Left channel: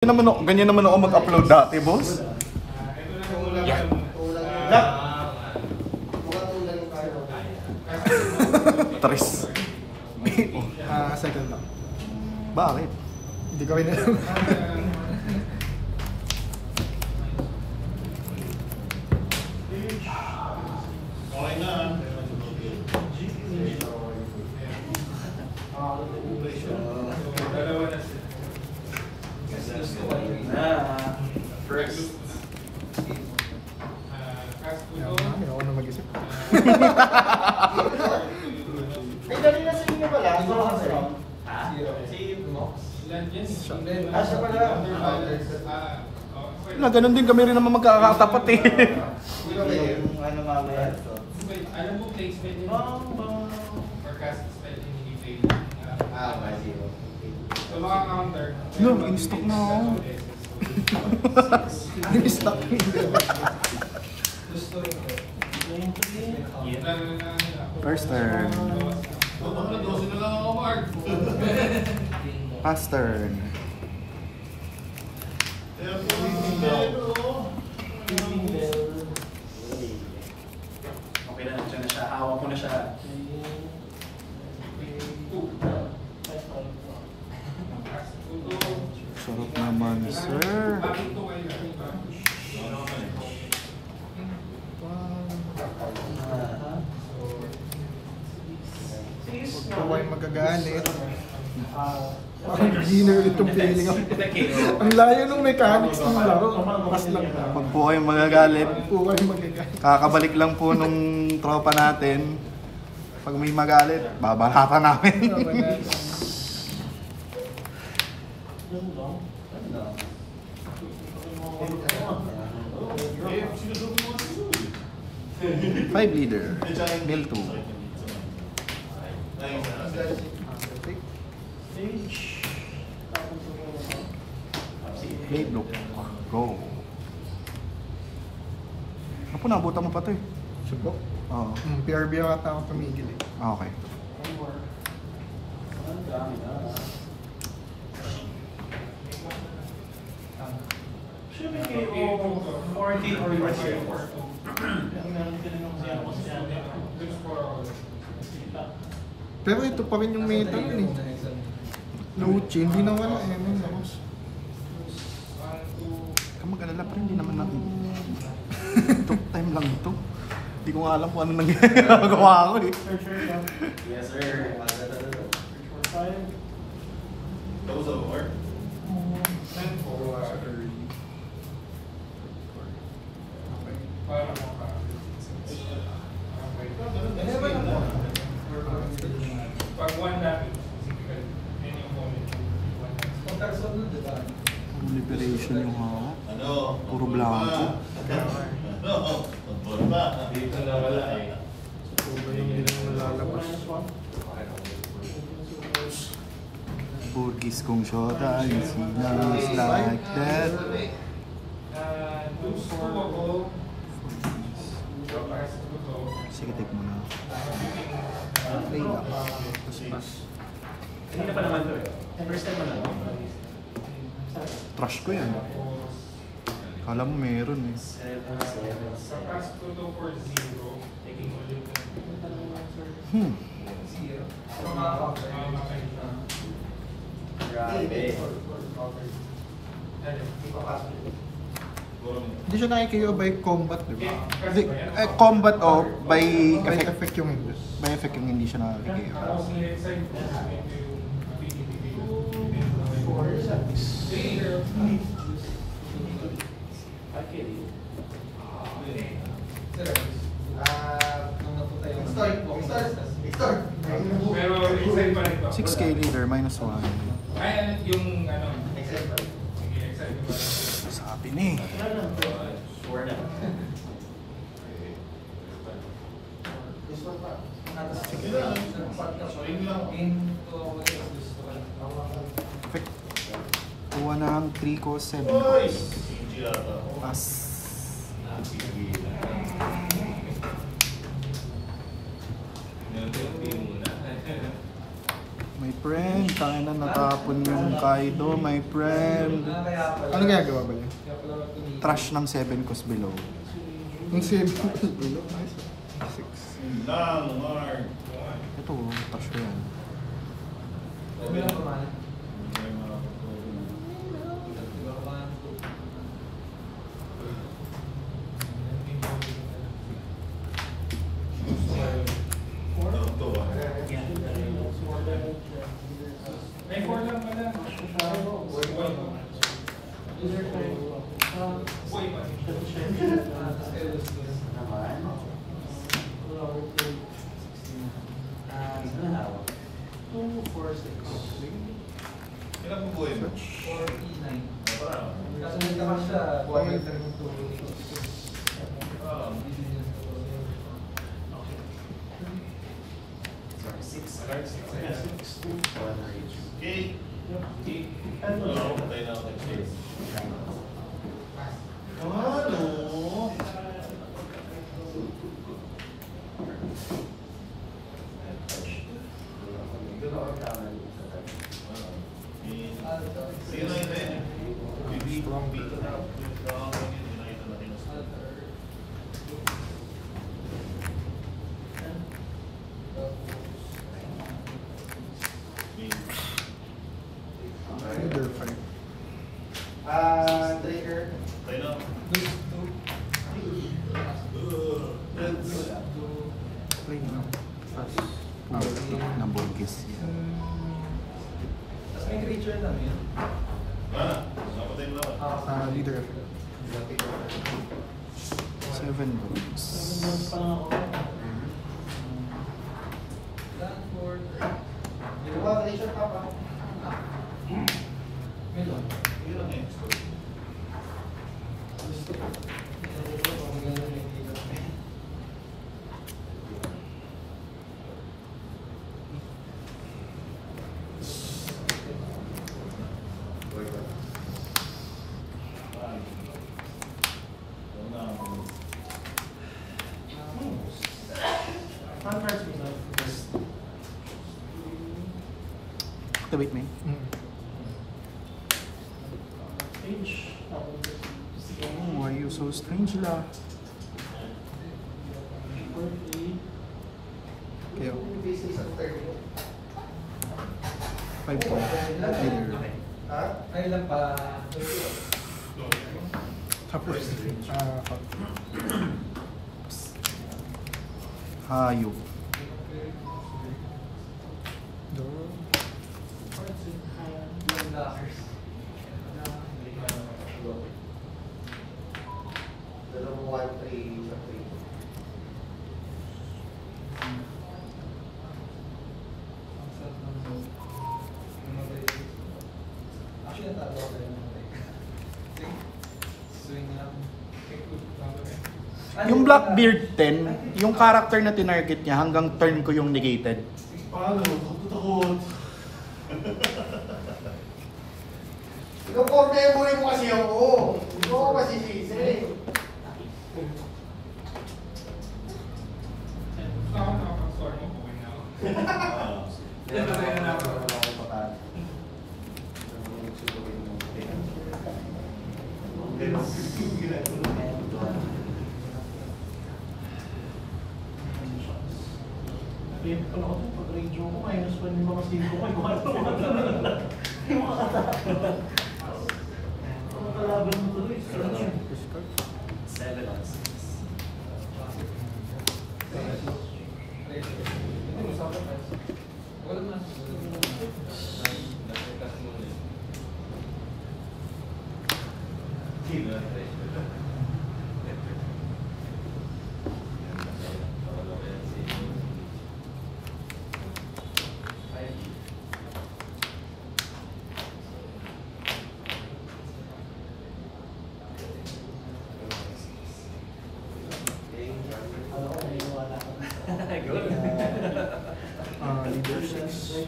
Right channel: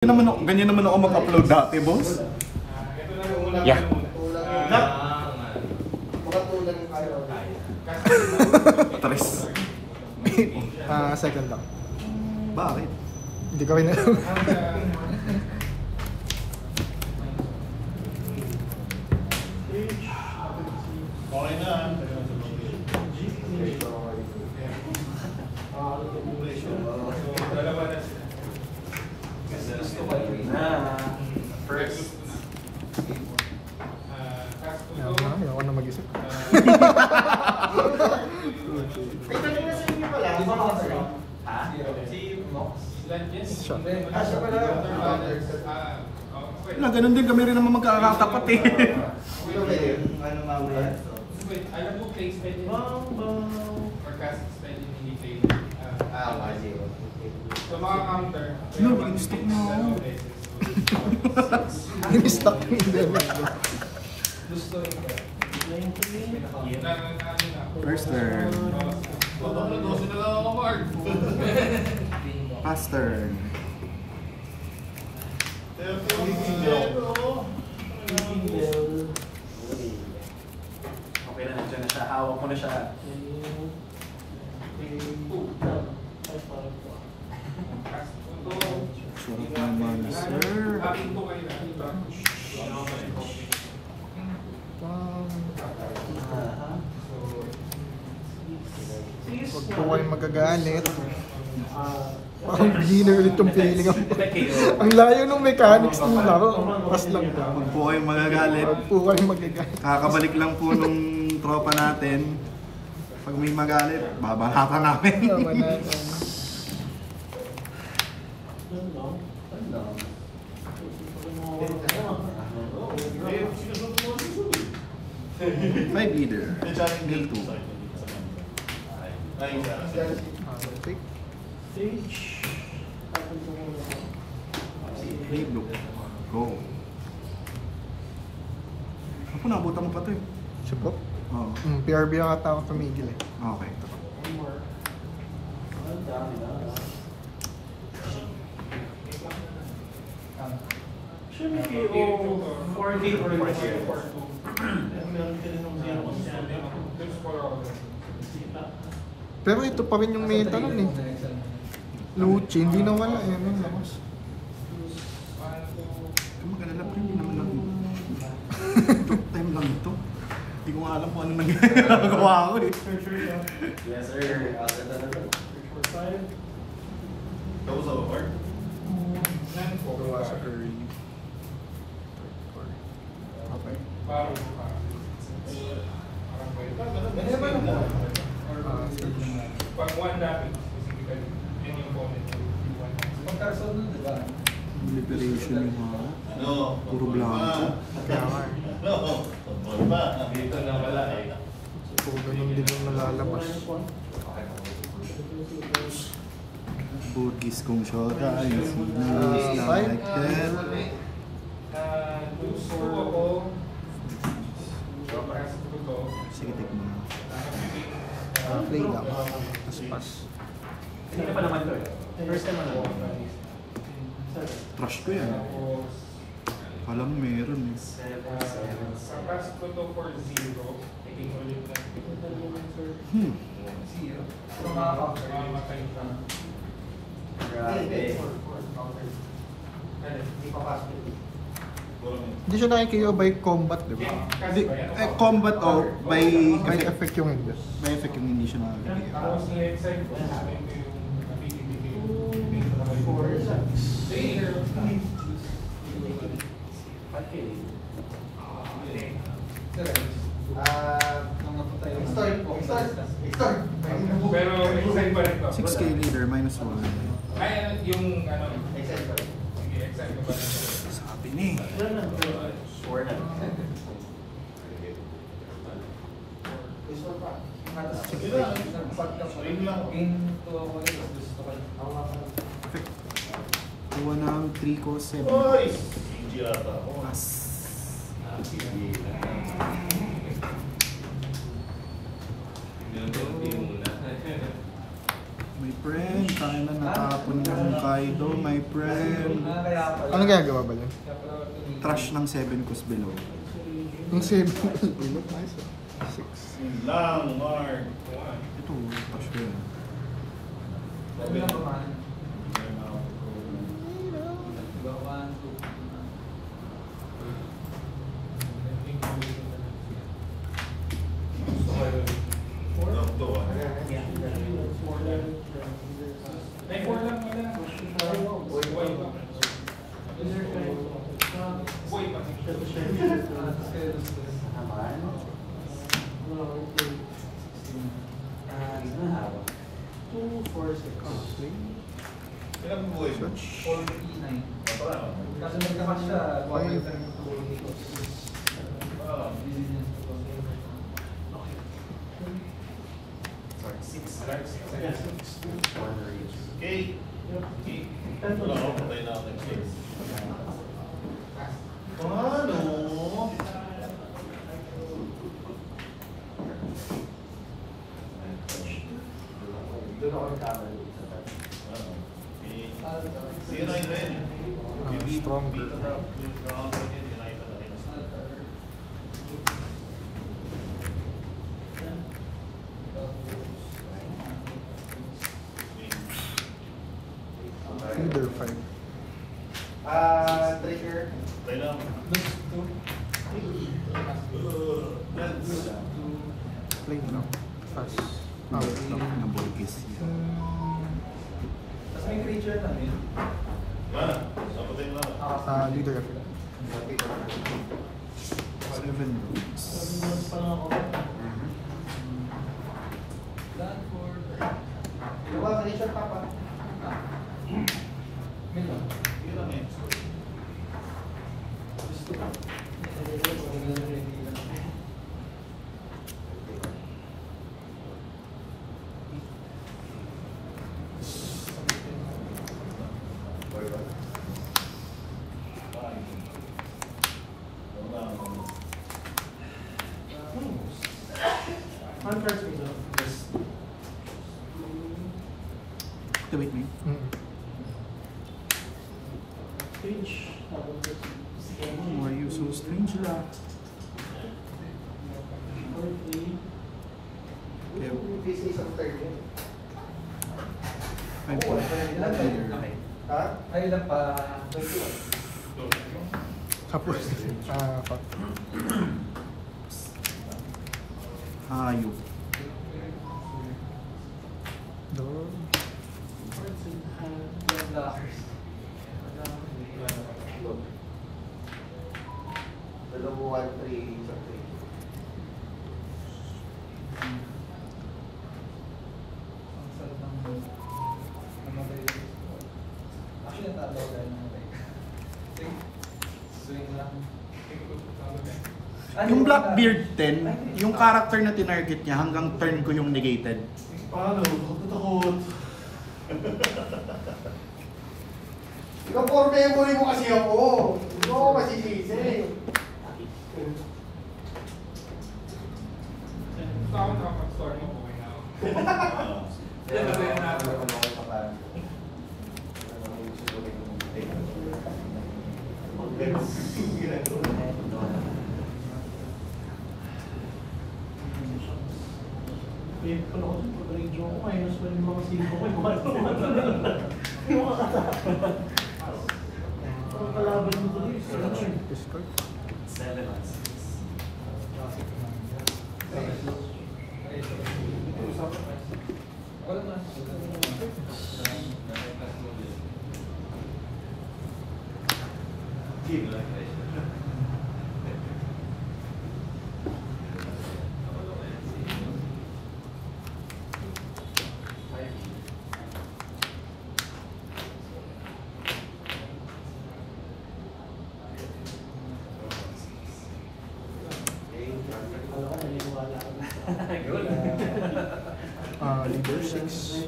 Ganyan naman ako mag-upload dati, boss. Yeah. Taris. Second lang. Bakit? Hindi ko rin First. Ayaw na mag-isip. Na ganun din kami rin naman magkakatapat eh. Alam mo, play spelling or cast spelling hindi play. So mga counter. No, in-stock na ako. In-stock mo First turn. Last turn. Okay na, dyan na siya. Hawak ko na siya. Sarap naman, sir. Huwag ko kayo magagalit. Parang beginner ulit itong feeling ako. Ang layo ng mechanics ng laro. Mas lang. Huwag po kayong magagalit. Huwag po kayo magagalit. Kakabalik lang po nung tropa natin. Pag may magalit, babangka namin. Tama na. 5 leader. Mill 2. Hey, look. Go. Ako, nabutan mo pa ito eh. Subok? Oo. PRB ang ata ako tumigil eh. Okay. Should be KO 40 or 40. Meron ka rin ng zero ko siya. Pero ito pa rin yung meta nun eh. Luchi, hindi na wala eh. Ano lakos? Magalala pa, hindi naman natin. First time lang ito. Hindi ko nga alam kung ano nagagawa ko eh. Yes, sir. Search for 5. Those over. Gawa sa curry. Okay. Pag one natin, Liberation yung hawak. Puro blanco. Hindi na malalabas. Burgis kong shota, yung signals like that. Sige, take mo na. Play lang. Tapos pass. Hindi ka pa naman to eh. First time mo lang. Trash ko yan. Kala mo meron eh. Pass ko to for 0. Taking ulit na. Grabe. Hindi siya nakikita by combat, di ba? Combat o by By effect. effect yung hindi. By effect yung hindi siya nakakagigil. Tapos na excited ko. 4, 6. Pero excited pa rin to. 6k leader, minus 1. Ay, yung ano, excited pa rin. Sige, excited pa rin. Sabi ni. 4 na. Effect. Kuha na 3 ko 7. Pass. My friend, tayo na natapon yung Kaido, my friend. Ano ginagawa ba yun? Trash ng 7 cos below. Yung same. 6. Lang, Mark. Ito, trash ko yan. May 4 lang nila. Ilang po yun? Okay. Ano? Strong. Finger fight. Trigger. Play no? Pass. Ng Borges. May creature namin. Leader F. 7 Borges. pa lang ako. Ginawa creature pa pa. Contracts result. Wait me. Stage. Oh, why are you so strange la? Okay. This is of 30. 5 po. Ha? Ay lang pa. Tapos. Hayop. Cards in hand. Dalawa 1, 3 sa 3. Actually, natalo ko na swing lang. Yung Blackbeard 10, yung character na tinarget niya hanggang turn ko yung negated. Paano? Takot. Ikaw, memory mo kasi ako. Hindi ko masisisi. Wait pala ako pag radio ko, minus 1 yung mga 5 ko, yung mga katakan. Ang kalaban mo tuloy, search. 7 on 6. Alam ko, naniniwala ako na. Leader 6.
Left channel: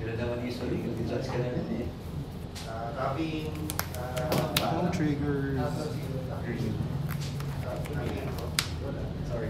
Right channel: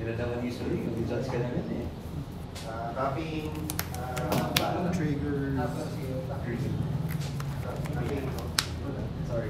Gila naman usually, mag-judge ka na rin eh. Copying. Triggers. Sorry.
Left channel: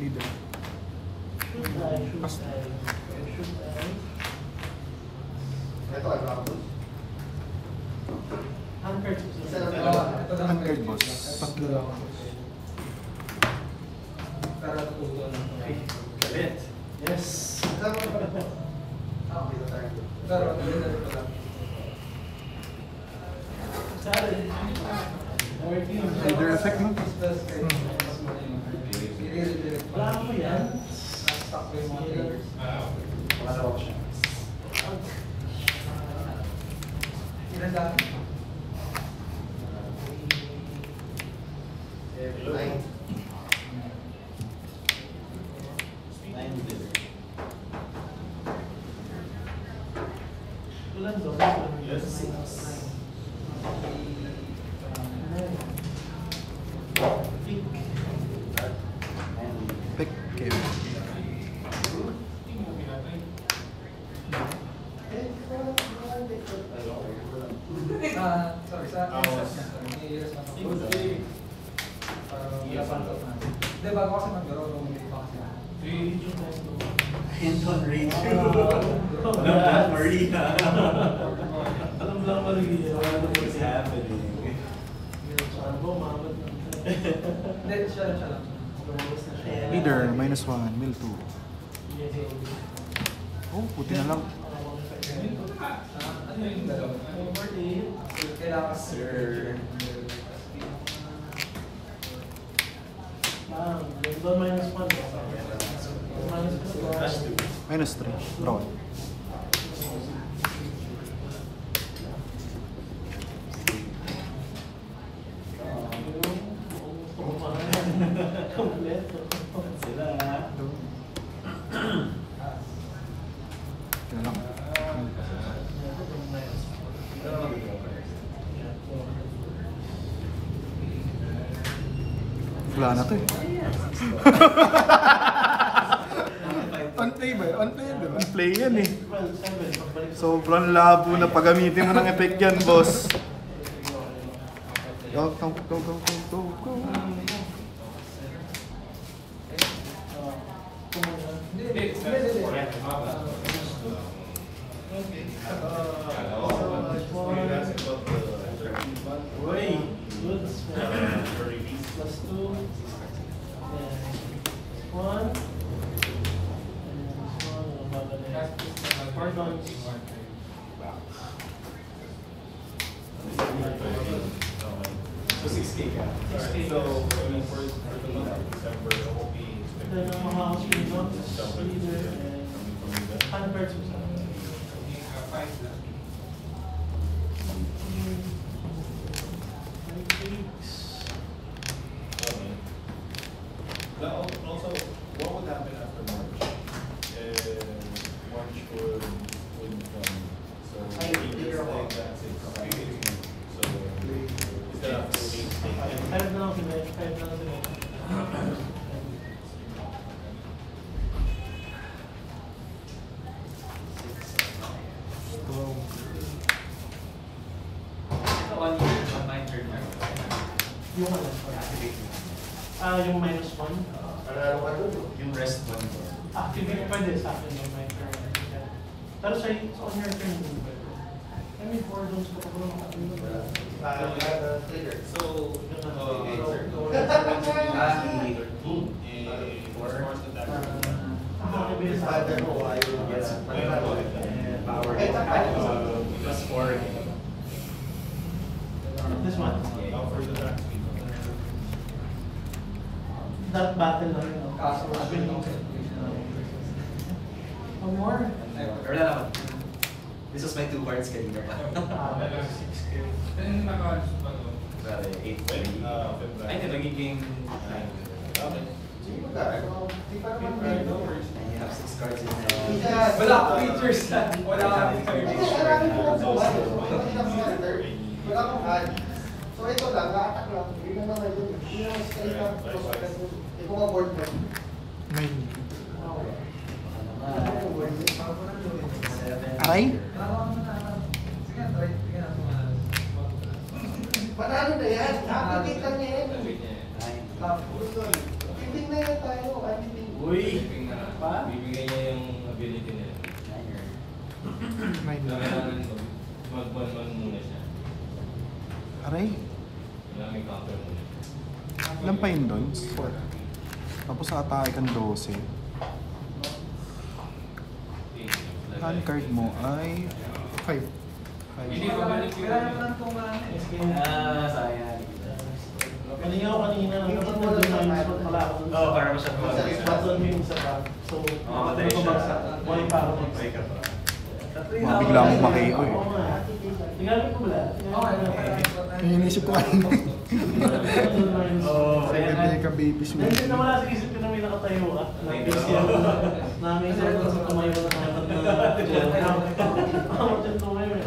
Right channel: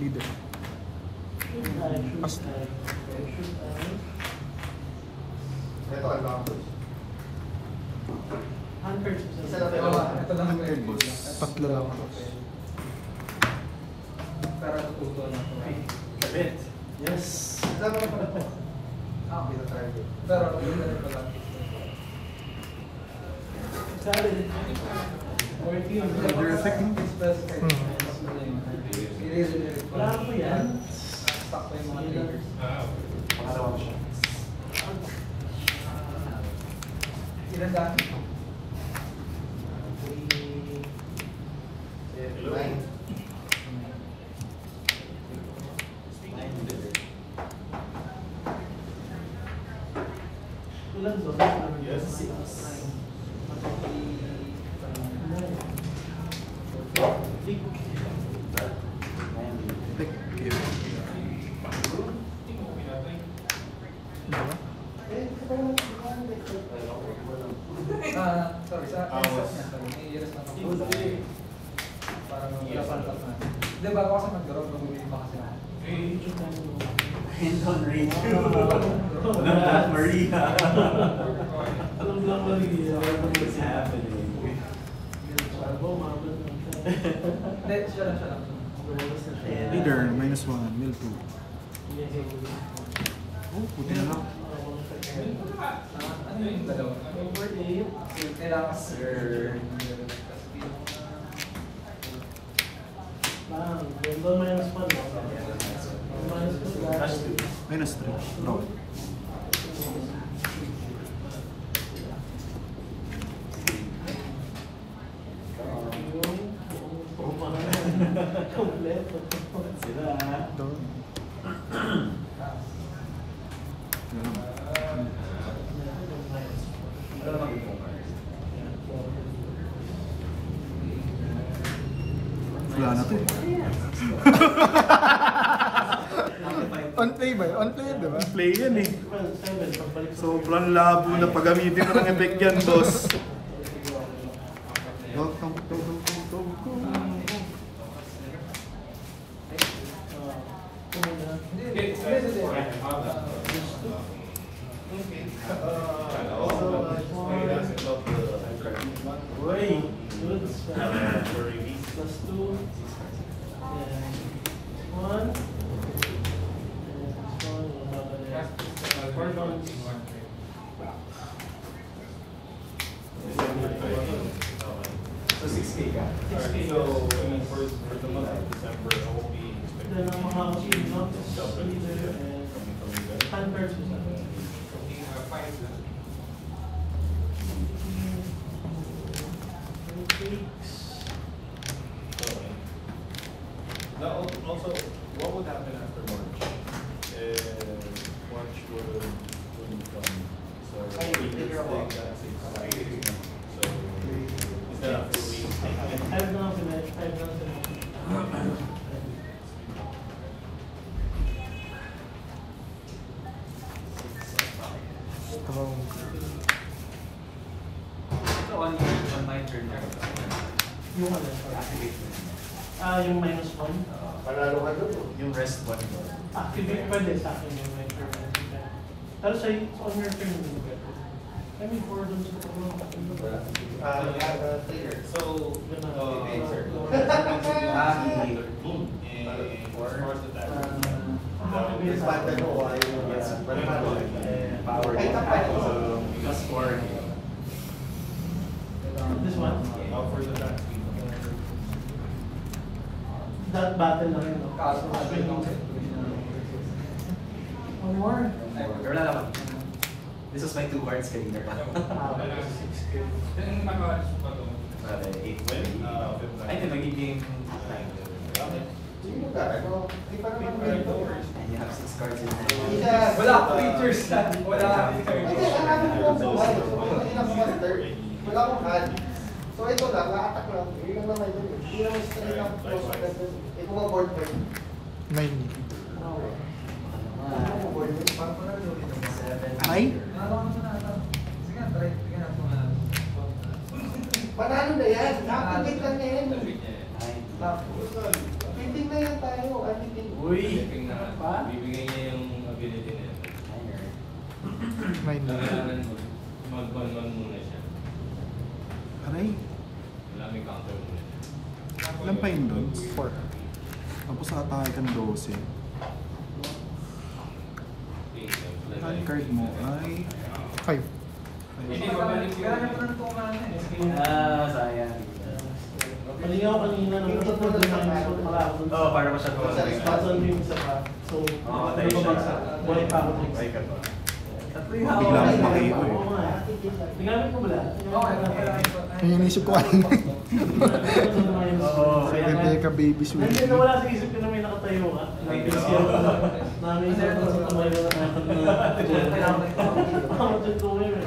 Leader. Ito, ano? Ito lang ang air boss. Tatlo lang boss. Pero tuto lang to. Kabit. Yes. Pero, Sorry. Leader effect mo. Wala ko yan. Ulan do. Yes. Pick kayo. Sorry, sa akin. Parang wala pang top na. Hindi, bago kasi mag-draw, lumulip pa kasi na. Hinton Radio. Alam Black Maria. Alam Black Maria. What's happening? Sarbo, mahamad lang siya. Hindi, siya lang. Lumabas na siya. Leader, -1, mill 2. Oh, puti na lang. Ano yung dalawa? Over 8. Kailangan sir. Lang, doon -1 no? -3. Draw. Kompleto. Sila. Wala na to. On play ba? On play, di ba? Play yan eh. Well, 7, pagbalik sa Sobrang labo na pagamitin mo ng effect yan, boss. Good. Plus 2. Yan. 1. And this one, babalik. 4 downs. So 6K ka? 6K. Then ang mga notes, leader, and handbirds mo sa akin. Now, also, what would happen after March? March would become, so it's like that's it. So, is that a 5 na lang sila. 5 na lang sila. Ito, one turn lang. Yung ano? Yung -1. Yung rest one. Activate pwede sa akin yung pero sa on your turn hindi pwede. I mean, 4 zones ko pa kung makakilo. So, Activate sa akin. Power. Plus 4. This one? That battle lang yun, no? So, swinging. One more? Wala naman. This was my 2 cards kanina pa. 6K. Wala, 8. Ay, ito nagiging 9. Sino ka? Di pa naman You have 6 cards in hand. Yes. Wala akong features na. Wala akong Hindi, features. marami ko lang buhay. Kasi na-filter. Wala akong hand. So ito lang, ma-attack lang. Yun lang ito. Yun lang straight up close agad. Hindi ko ma-board mo. 9. Wow. Ay? Panalo na yan. Activate lang yan. 9. 15 na yan tayo. Activate. Uy! Pa? Bibigyan niya yung ability niya. 9 lang. Kailangan mag-1 muna siya. Aray? Kailangan may counter muna. Ilan pa yun doon? 4. Tapos nakatake kong 12. Ang card mo ay... 5. Hindi ko balik yun. Sayang. Mali ako kanina, dapat nag-remind spot pala ako dun. Oo, para masyado. Button mo yung isa pa. So, tayo siya. napabagsak. Buhay pa ako next. Buhay ka pa. Bigla akong maki ko eh. Oo nga. Tigamit ko ba? Yung inisip ko ano. Hindi ka baby sweet. Nandiyan na wala sa isip ko na may nakatayo ka. Na-busy ako. Namin siya na sa tumayo na nakatag na gel. Ako dyan tuloy eh.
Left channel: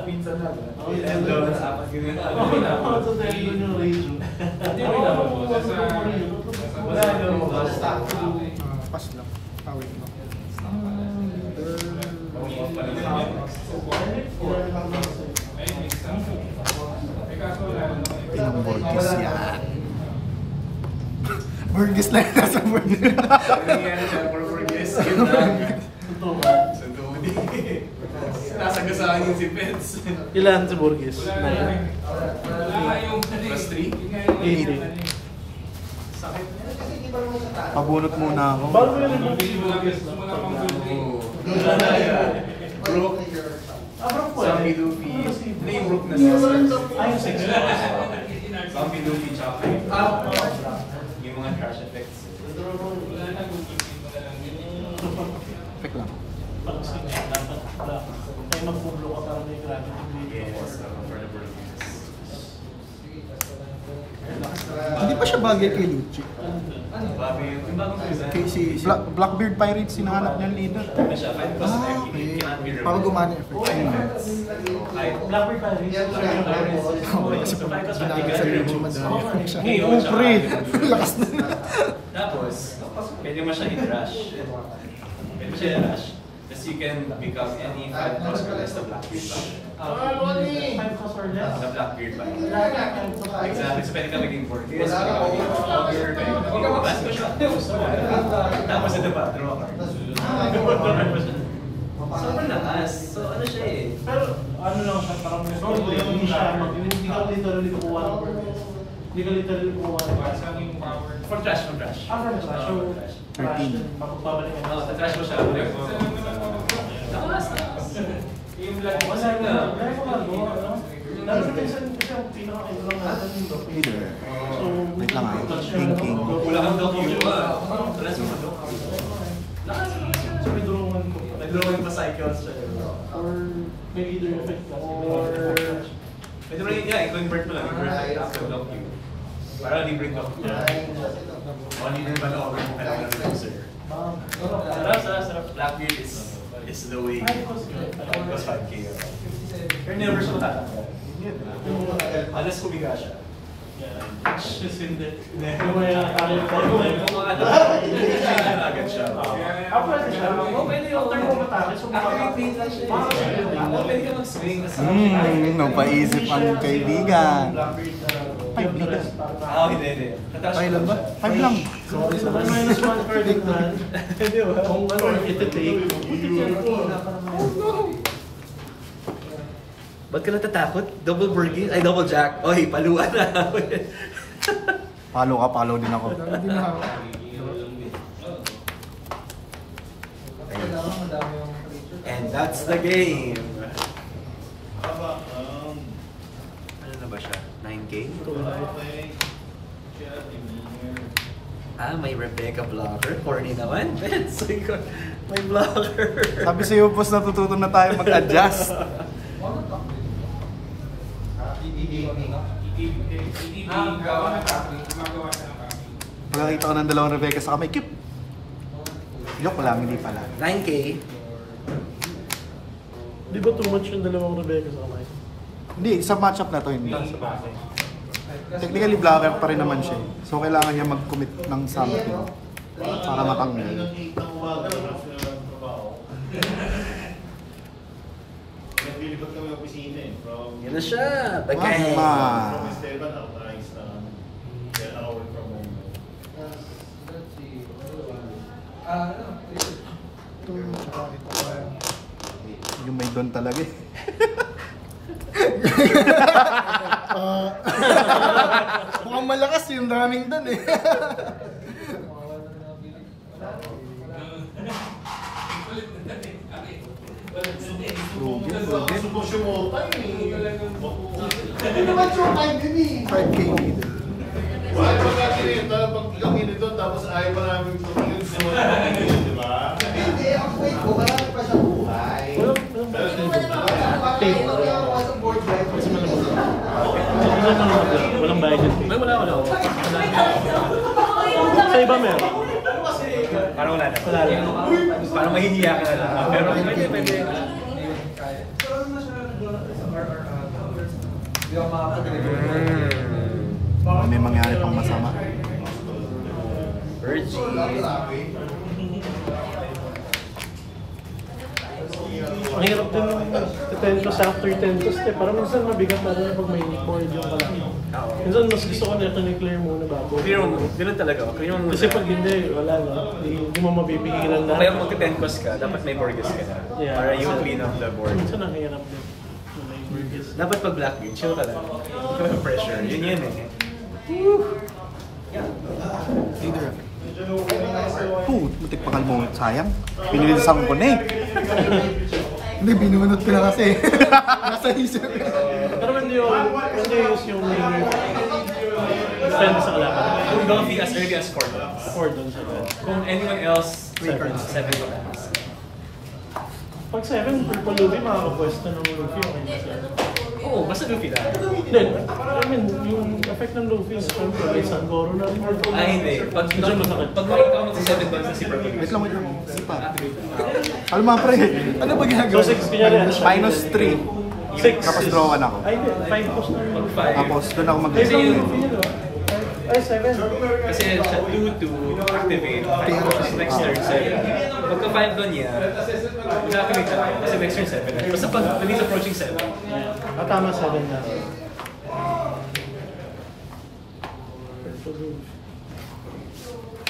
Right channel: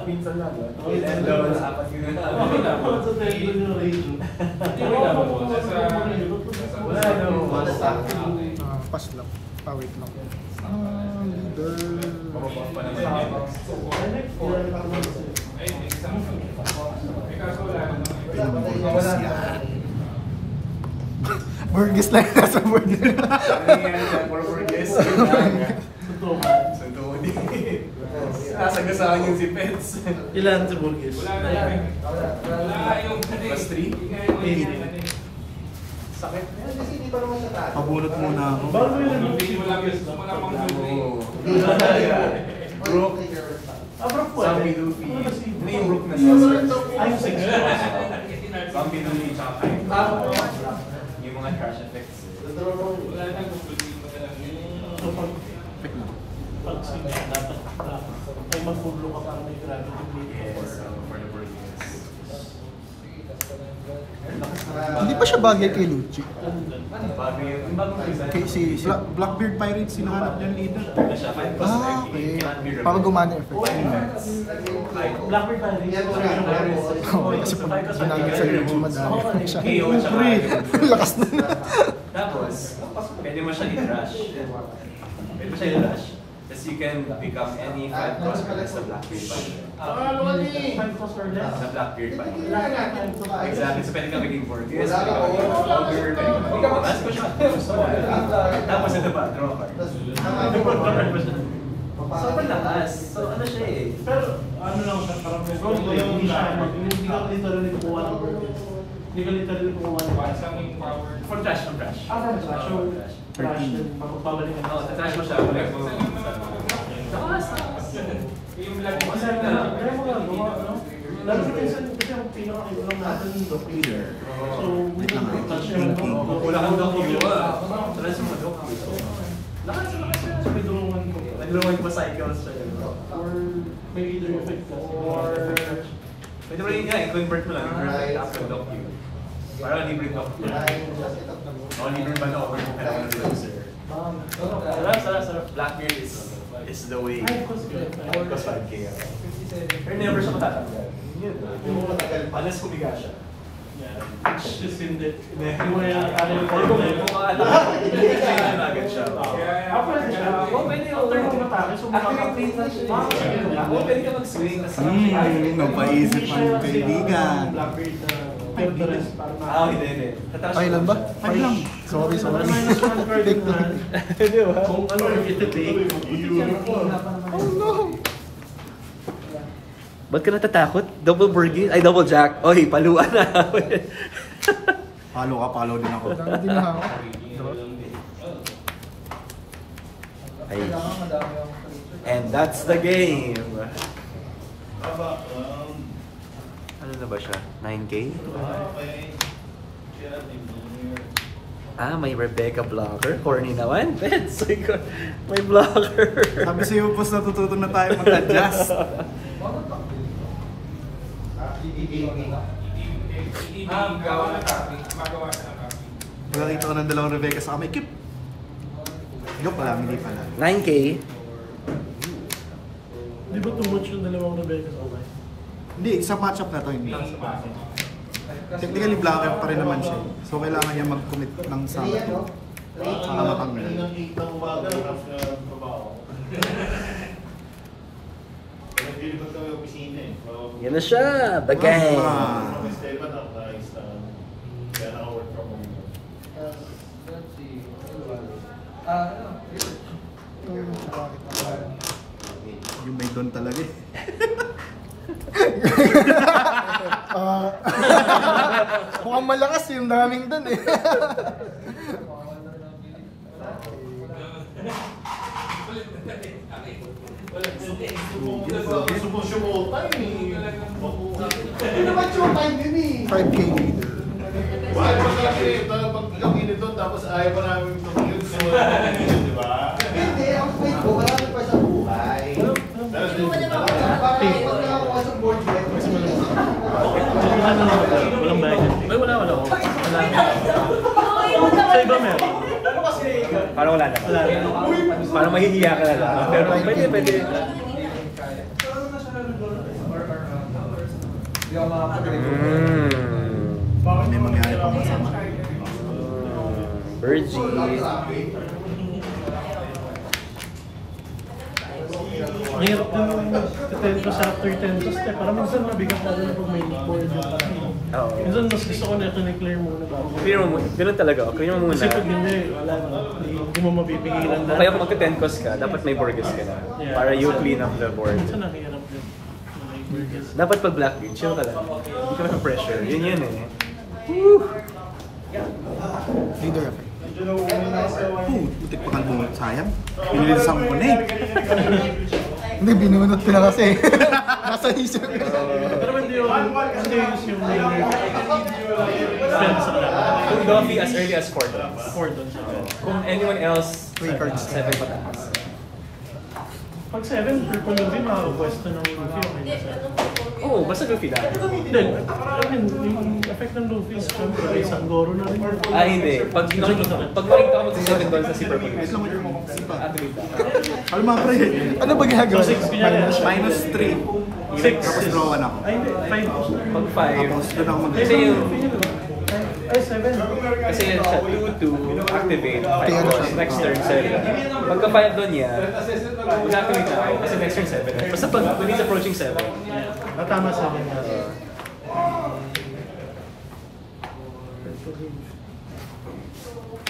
Pinsan lang. Ako Ilan yung doon? 4 yun. Ako sa tendo yung radio. Ako Wala no. Pass lang. Pawit lang. Mababang pa naman yung box. Ginamit ko lang kasi. Ay, next time. Picasso lang. Pinamigis yan. Burgess lang nasa board. Ang nangyari dyan, more guess. Yun lang. Totoo ka. So, dude. Nasagasaan yung si Pets. Ilan sa Burgess? Wala yung Plus 3? Sakit. Kasi hindi pa naman siya tayo. Pabunot muna ako. Bago nila yung Burgess na. Brook. Abrak po Zombie eh. Luffy. Ano ba si Hindi yung Brook na 6. Ay, yung 6 na. Zombie Luffy tsaka Kaito. Yung mga trash effects. Wala na kung pwede pa lang. So, Check lang. pag sige, dapat black. Ay magbublo ka para may gravity bleed or For the Burgess. Hindi pa siya bagay kay Lucci. Bago yung bagong season. Kay si... Blackbeard Pirates, sinuhanap niya leader. Ano siya? 5 plus Ah, 5. okay. Cannot be Para removed. gumana yung effect. Blackbird pa rin. Oo, kasi pag malaki sa YouTube, madami siya. KO tsaka Lakas na. Tapos, pwede mo siya i-rush. Pwede mo siya i-rush. Tapos you can become any 5 cost or less na Blackbeard ba? 5 cost or less. Na Blackbeard ba? Lahat ng 5 cost or less. Exactly. So pwede ka maging Borges, pwede ka maging Ogre, pwede ka maging Last ko siya. Gusto mo. Tapos ito pa, draw a card. So malakas. So ano siya eh? Pero ano lang siya, parang roleplay, hindi siya hindi ka literally kukuha ng Burgess. Hindi ka literally kukuha ng Sa aming power. For trash, from trash. From trash. So, trash din. Magbabalikan Oo, sa trash mo siya. Lakas na. Yung black Wala na. Dahil mo gagawa, no? Lalo sa minsan kasi ang pinaka-iba lang natin yung dock leader. So, hindi ka touch yun, no? Wala kang dock view ah. Trash mo na dock view. Lakas siya. So, may dulungan ko. Nag-drawing pa cycles siya. Or may leader effect kasi. Or Pwede mo rin yan, i-convert mo lang. I-convert after dock view. Para libre dock view. O libre ba na over kung kailangan ng loser. Sarap. Blackbeard is the way. Ay, cost good. Plus 5k. Pero never siya matatanggal. Unless kumiga siya. Yeah. It's just hindi. Yung mga atake yung tayo. Hindi siya agad siya. Pwede siya. After mo matake, so makakapit ka. Pwede ka mag-swing. Napaisip ang kaibigan. Blackbeard na kept the rest para na. Hindi. Ay, lang ba? Ay lang. Sorry. Minus 1 card in hand. Kung ano, iti-take. Oh no! Ba't ka natatakot? Double Burgess? Ay, double Jack. Oy, paluan na. Palo din ako. Dami din na ako. And that's the game. Ano na ba siya? 9K? Ah, may Rebecca blocker. Corny naman. May blocker. Sabi sa'yo, boss, natututo na tayo mag-adjust. ETB, gawa na copy. Magawa sa copy. Nakakita ko ng dalawang Rebecca sa kamay. Kip! Joke lang, hindi pala. 9K. Di ba too much yung dalawang Rebecca sa kamay? Hindi, sa matchup na to hindi. Technically, blocker pa rin naman siya. So, kailangan niya mag-commit ng samot. Para matanggal. Yan na siya. The gang. Yung may doon talaga eh. Mukhang malakas yung daming dun eh. Hindi naman sure time yun eh. 5K. Why ba kasi ito, pag yung ginito, tapos ayaw pa namin tumingin sa di ba? Hindi, ang fight ko, wala nang pa sa buhay. Bakit ikaw na ako sa board wife? Walang budget. Ay, wala. Wala. Sa iba meron. Paano wala na? Wala rin. Paano mahihiya ka na lang? Pero pwede. Baka may mangyari pang masama. Virgin. Ang hirap din ng 10 toss after 10 toss. Parang minsan mabigat lalo na pag may board yung pala. Minsan mas gusto ko na ito ni-clear muna bago. Clear mo, ganun talaga. Clear mo muna. Kasi pag hindi, wala na. Hindi mo mabibigilan na. Kaya pag 10 cost ka, dapat may Borges ka na. Yeah. Para you clean up the board. Minsan ang hirap din. Dapat pag black bean, chill ka lang. Hindi ka may pressure. Yun yan eh. Leader effect. Itik pa kalbong. Sayang. Pinilisan ko na eh. Hindi, binunot ko na kasi. Nasa isip. Pero hindi use yung spend sa kalaban. Kung Luffy as early as 4 dollars. 4 doon sa Kung anyone else, 7 pa. Pag 7, triple Luffy, makakapwesto ng Luffy, okay na sir. Oo, basta Luffy lang. Then, I mean, yung effect ng Luffy, siyempre, may Sanggoro na rin. Hindi. Pag makikita ko sa 7 dollars na si Purple Luffy. Alam mo pre, Ano ba ginagawa? So, 6 kaya yan. minus 3. 6. Tapos draw ka na ako. Ay, hindi. 5 post na rin. Pag 5. Tapos doon ako mag- Kasi yung Luffy niya, no? Ay, 7. Kasi yan siya 2 to activate. 5 cost, next turn 7. Pagka 5 doon niya, mag-activate na ako. Kasi next turn 7. Basta pag when he's approaching 7. Yeah. Tama 7 nga.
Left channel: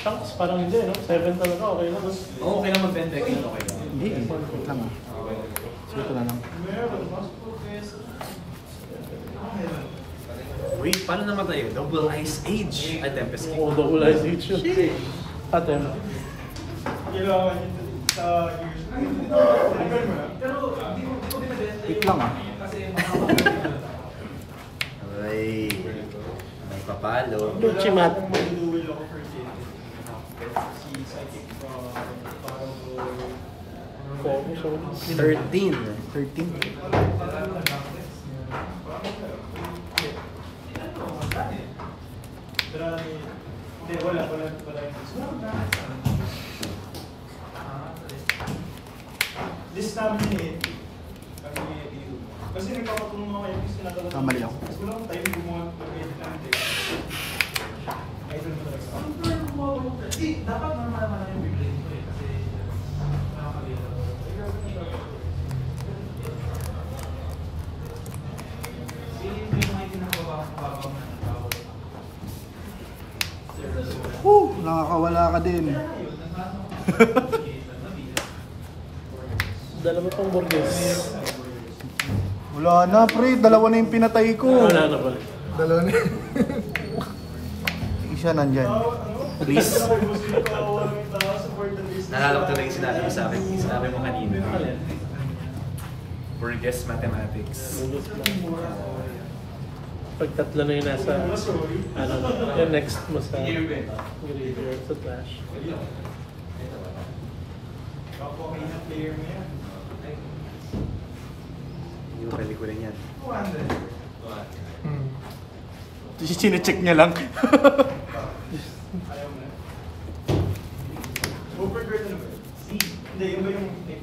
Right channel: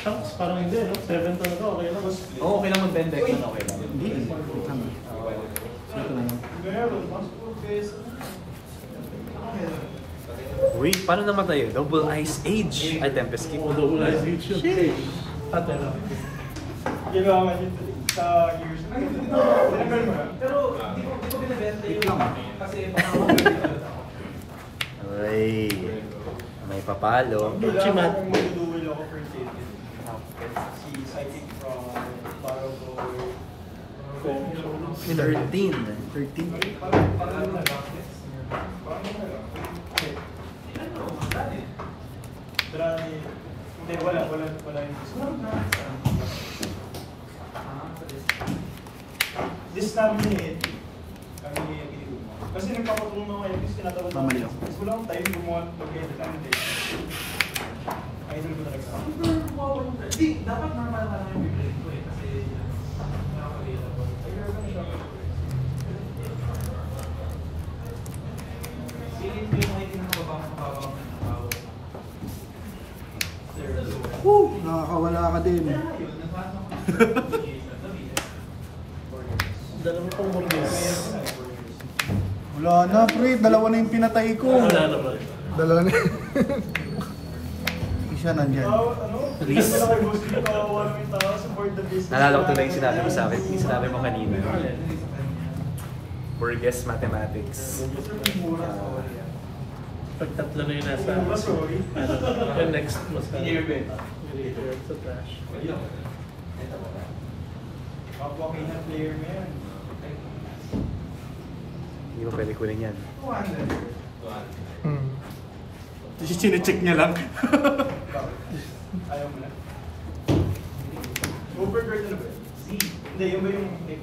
Tanks, parang hindi, no? 7 talaga, okay na, no? Oo, okay lang mag-bend deck. Okay lang. Hindi eh. Tama. Sige ko na lang. Uy, paano namatay yun? Double Ice Age at Tempest Kick. Oo, double eyes reach yun. Ate, no? Tik lang ah. Uy. May papalo. Chimat. Okay. 13. 13. This time eh. Kasi nagpapatulong ako yung kinakaroon. Kamali ako. Mas wala akong time gumawa mag-edit lang din. Idol ko talaga sa akin. Dapat naman yung bibigyan ko eh. Kasi nakakagila ko. Nakakawala ka din. Dalawa pang Borges. Wala na pre, dalawa na yung pinatay ko. Wala na ba? Dalawa na. Siya nandyan. Please. Nalala ko talaga yung sinabi mo sa akin. Yung sinabi mo kanina. Borges Mathematics. Pag tatlo na yung nasa, ano, yung next mo sa, sa Flash. Hindi mo pwede kuling yan. Chinecheck niya lang. Hindi, yung ba yung... Hindi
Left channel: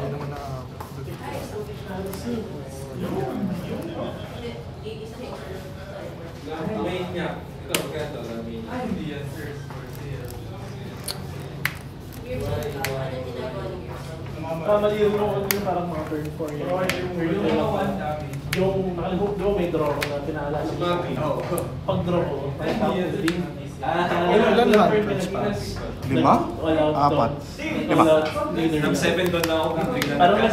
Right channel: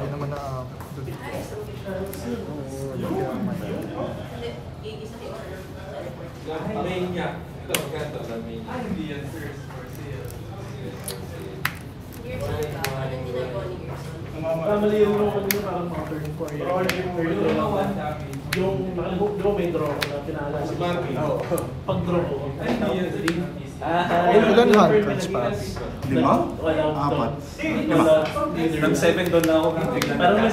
naman na... Main niya. Ito, magkano na main. Hindi yan, sir. Mali yung parang mga turn 4 yan. Turn 4 lang. Yung nakalimutan, di ba may draw ko na pinaalala sa pag-draw ko, din. Ilan hand pass? 5? Wala 4? Wala leader. Nag 7 doon na ako. Tignan Parang mo.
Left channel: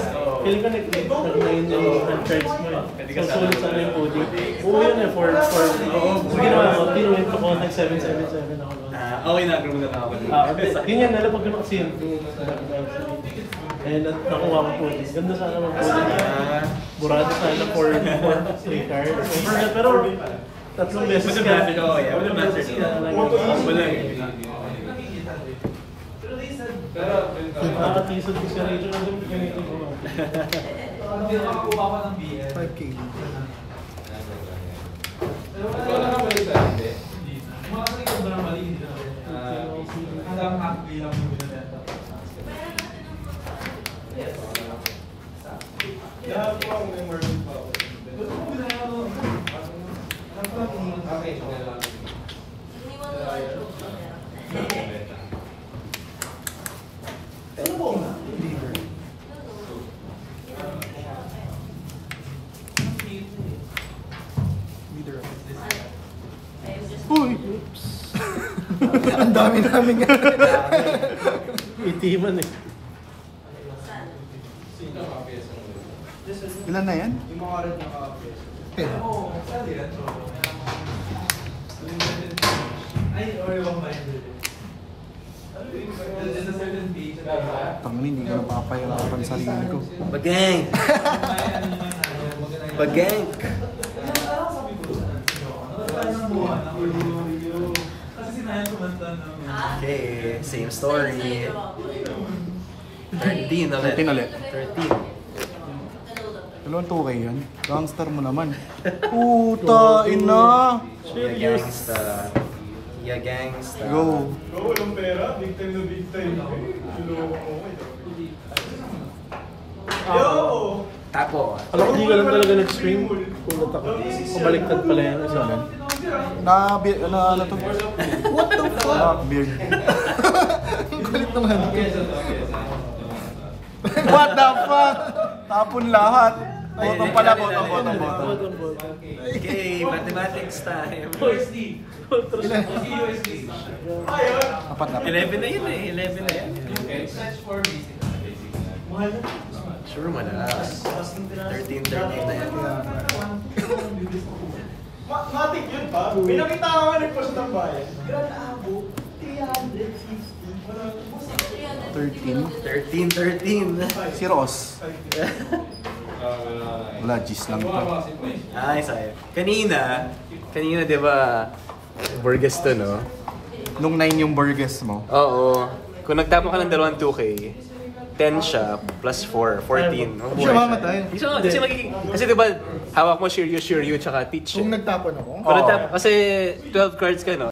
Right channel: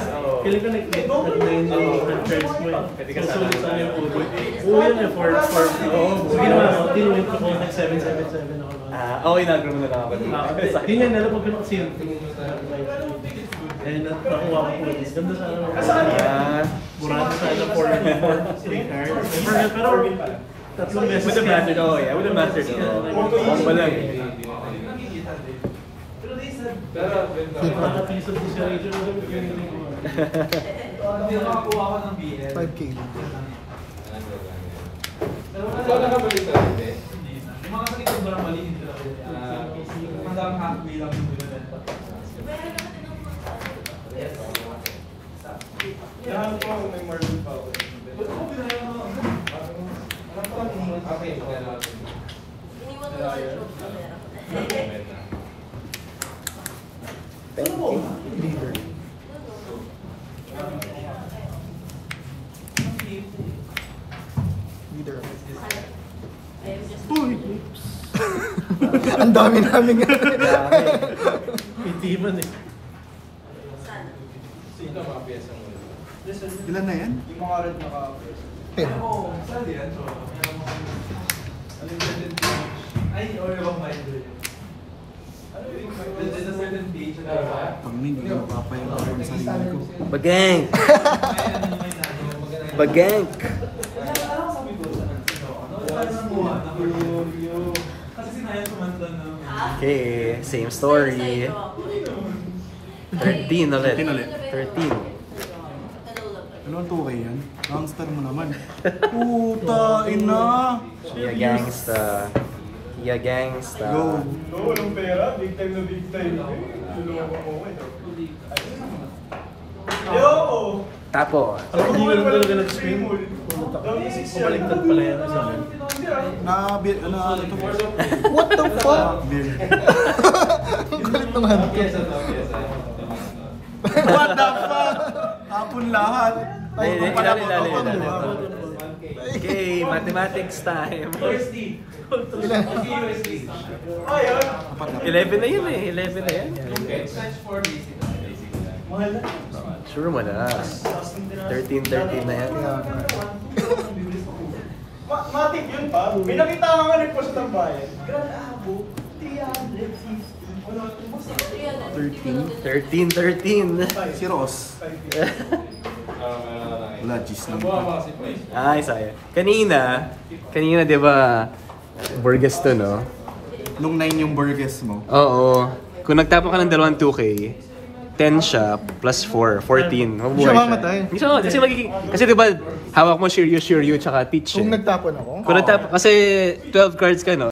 feeling ko nag-main yung hand trends mo eh. So, sulit sana yung OD. Oo yun eh, for so ginawa ko, tinuwin ko nag-777 ako noon. Okay, nag-room na ako. Yun yan, nalapag ko na kasi yung kaya nakuha ko OD. Ganda sana mag-OD. Burado sana for 3 cards. Pero tatlong beses With the master, oh yeah. With the master sila. Wala eh. Nakakatisod ko sa radio na yung gamitin ko. Hindi nakakuha ko ng BS. 5K. Wala ka ba ito? Yung mga sakit ko na mali, hindi ko nakita. Hanggang halfway lang yung binibenta. Kaya po ako may margin pa ako. Pero kung binaya mo, Okay, Uy! Ang dami namin nga. Itiman eh. Ilan na yan? yung mga red na ka-apes. Ten. Oo, saan yan? So, ay, or yung mga red. There's a certain page na Tangin, hindi ko napapayaw ako ng sarili ko. Bagang! Bagang! Okay, same story. 13 ulit. 13 ulit. 13. Ano 2K yan? Gangster mo naman. Puta, ina! Yeah, gangsta. Yeah, gangsta. Go! walang pera, big time na big time. Yo! Tapo. Alam ko, hindi ko lang talaga nag-stream. Kumaliktad pala yan sa akin. Ano to? What the fuck? Beer. Ang galit naman. What the fuck? Tapon lahat. Ay, Hindi, pala ko hindi, to. hindi, Okay, mathematics time. USD. Ilan? USD. Ayun! 11 na yun eh. 11 na yun. Search for basic. Sure mo na. 13 na yan. Matik yun pa. May nakita nga ng post ng bayan. Grabe abo. 13. 13. Si Ross. Wala, G's lang to. Ay, sayang. Kanina di ba, Burgess to, no? Nung 9 yung burgess mo. Oo. Kung nagtapon ka ng dalawang 2K, 10 siya, plus 4, 14. Hindi siya mamatay. Hindi siya mamatay. Kasi di ba, hawak mo Shiryu, tsaka Teach. Kung nagtapon ako, Kung nagtapon, kasi 12 cards ka, no?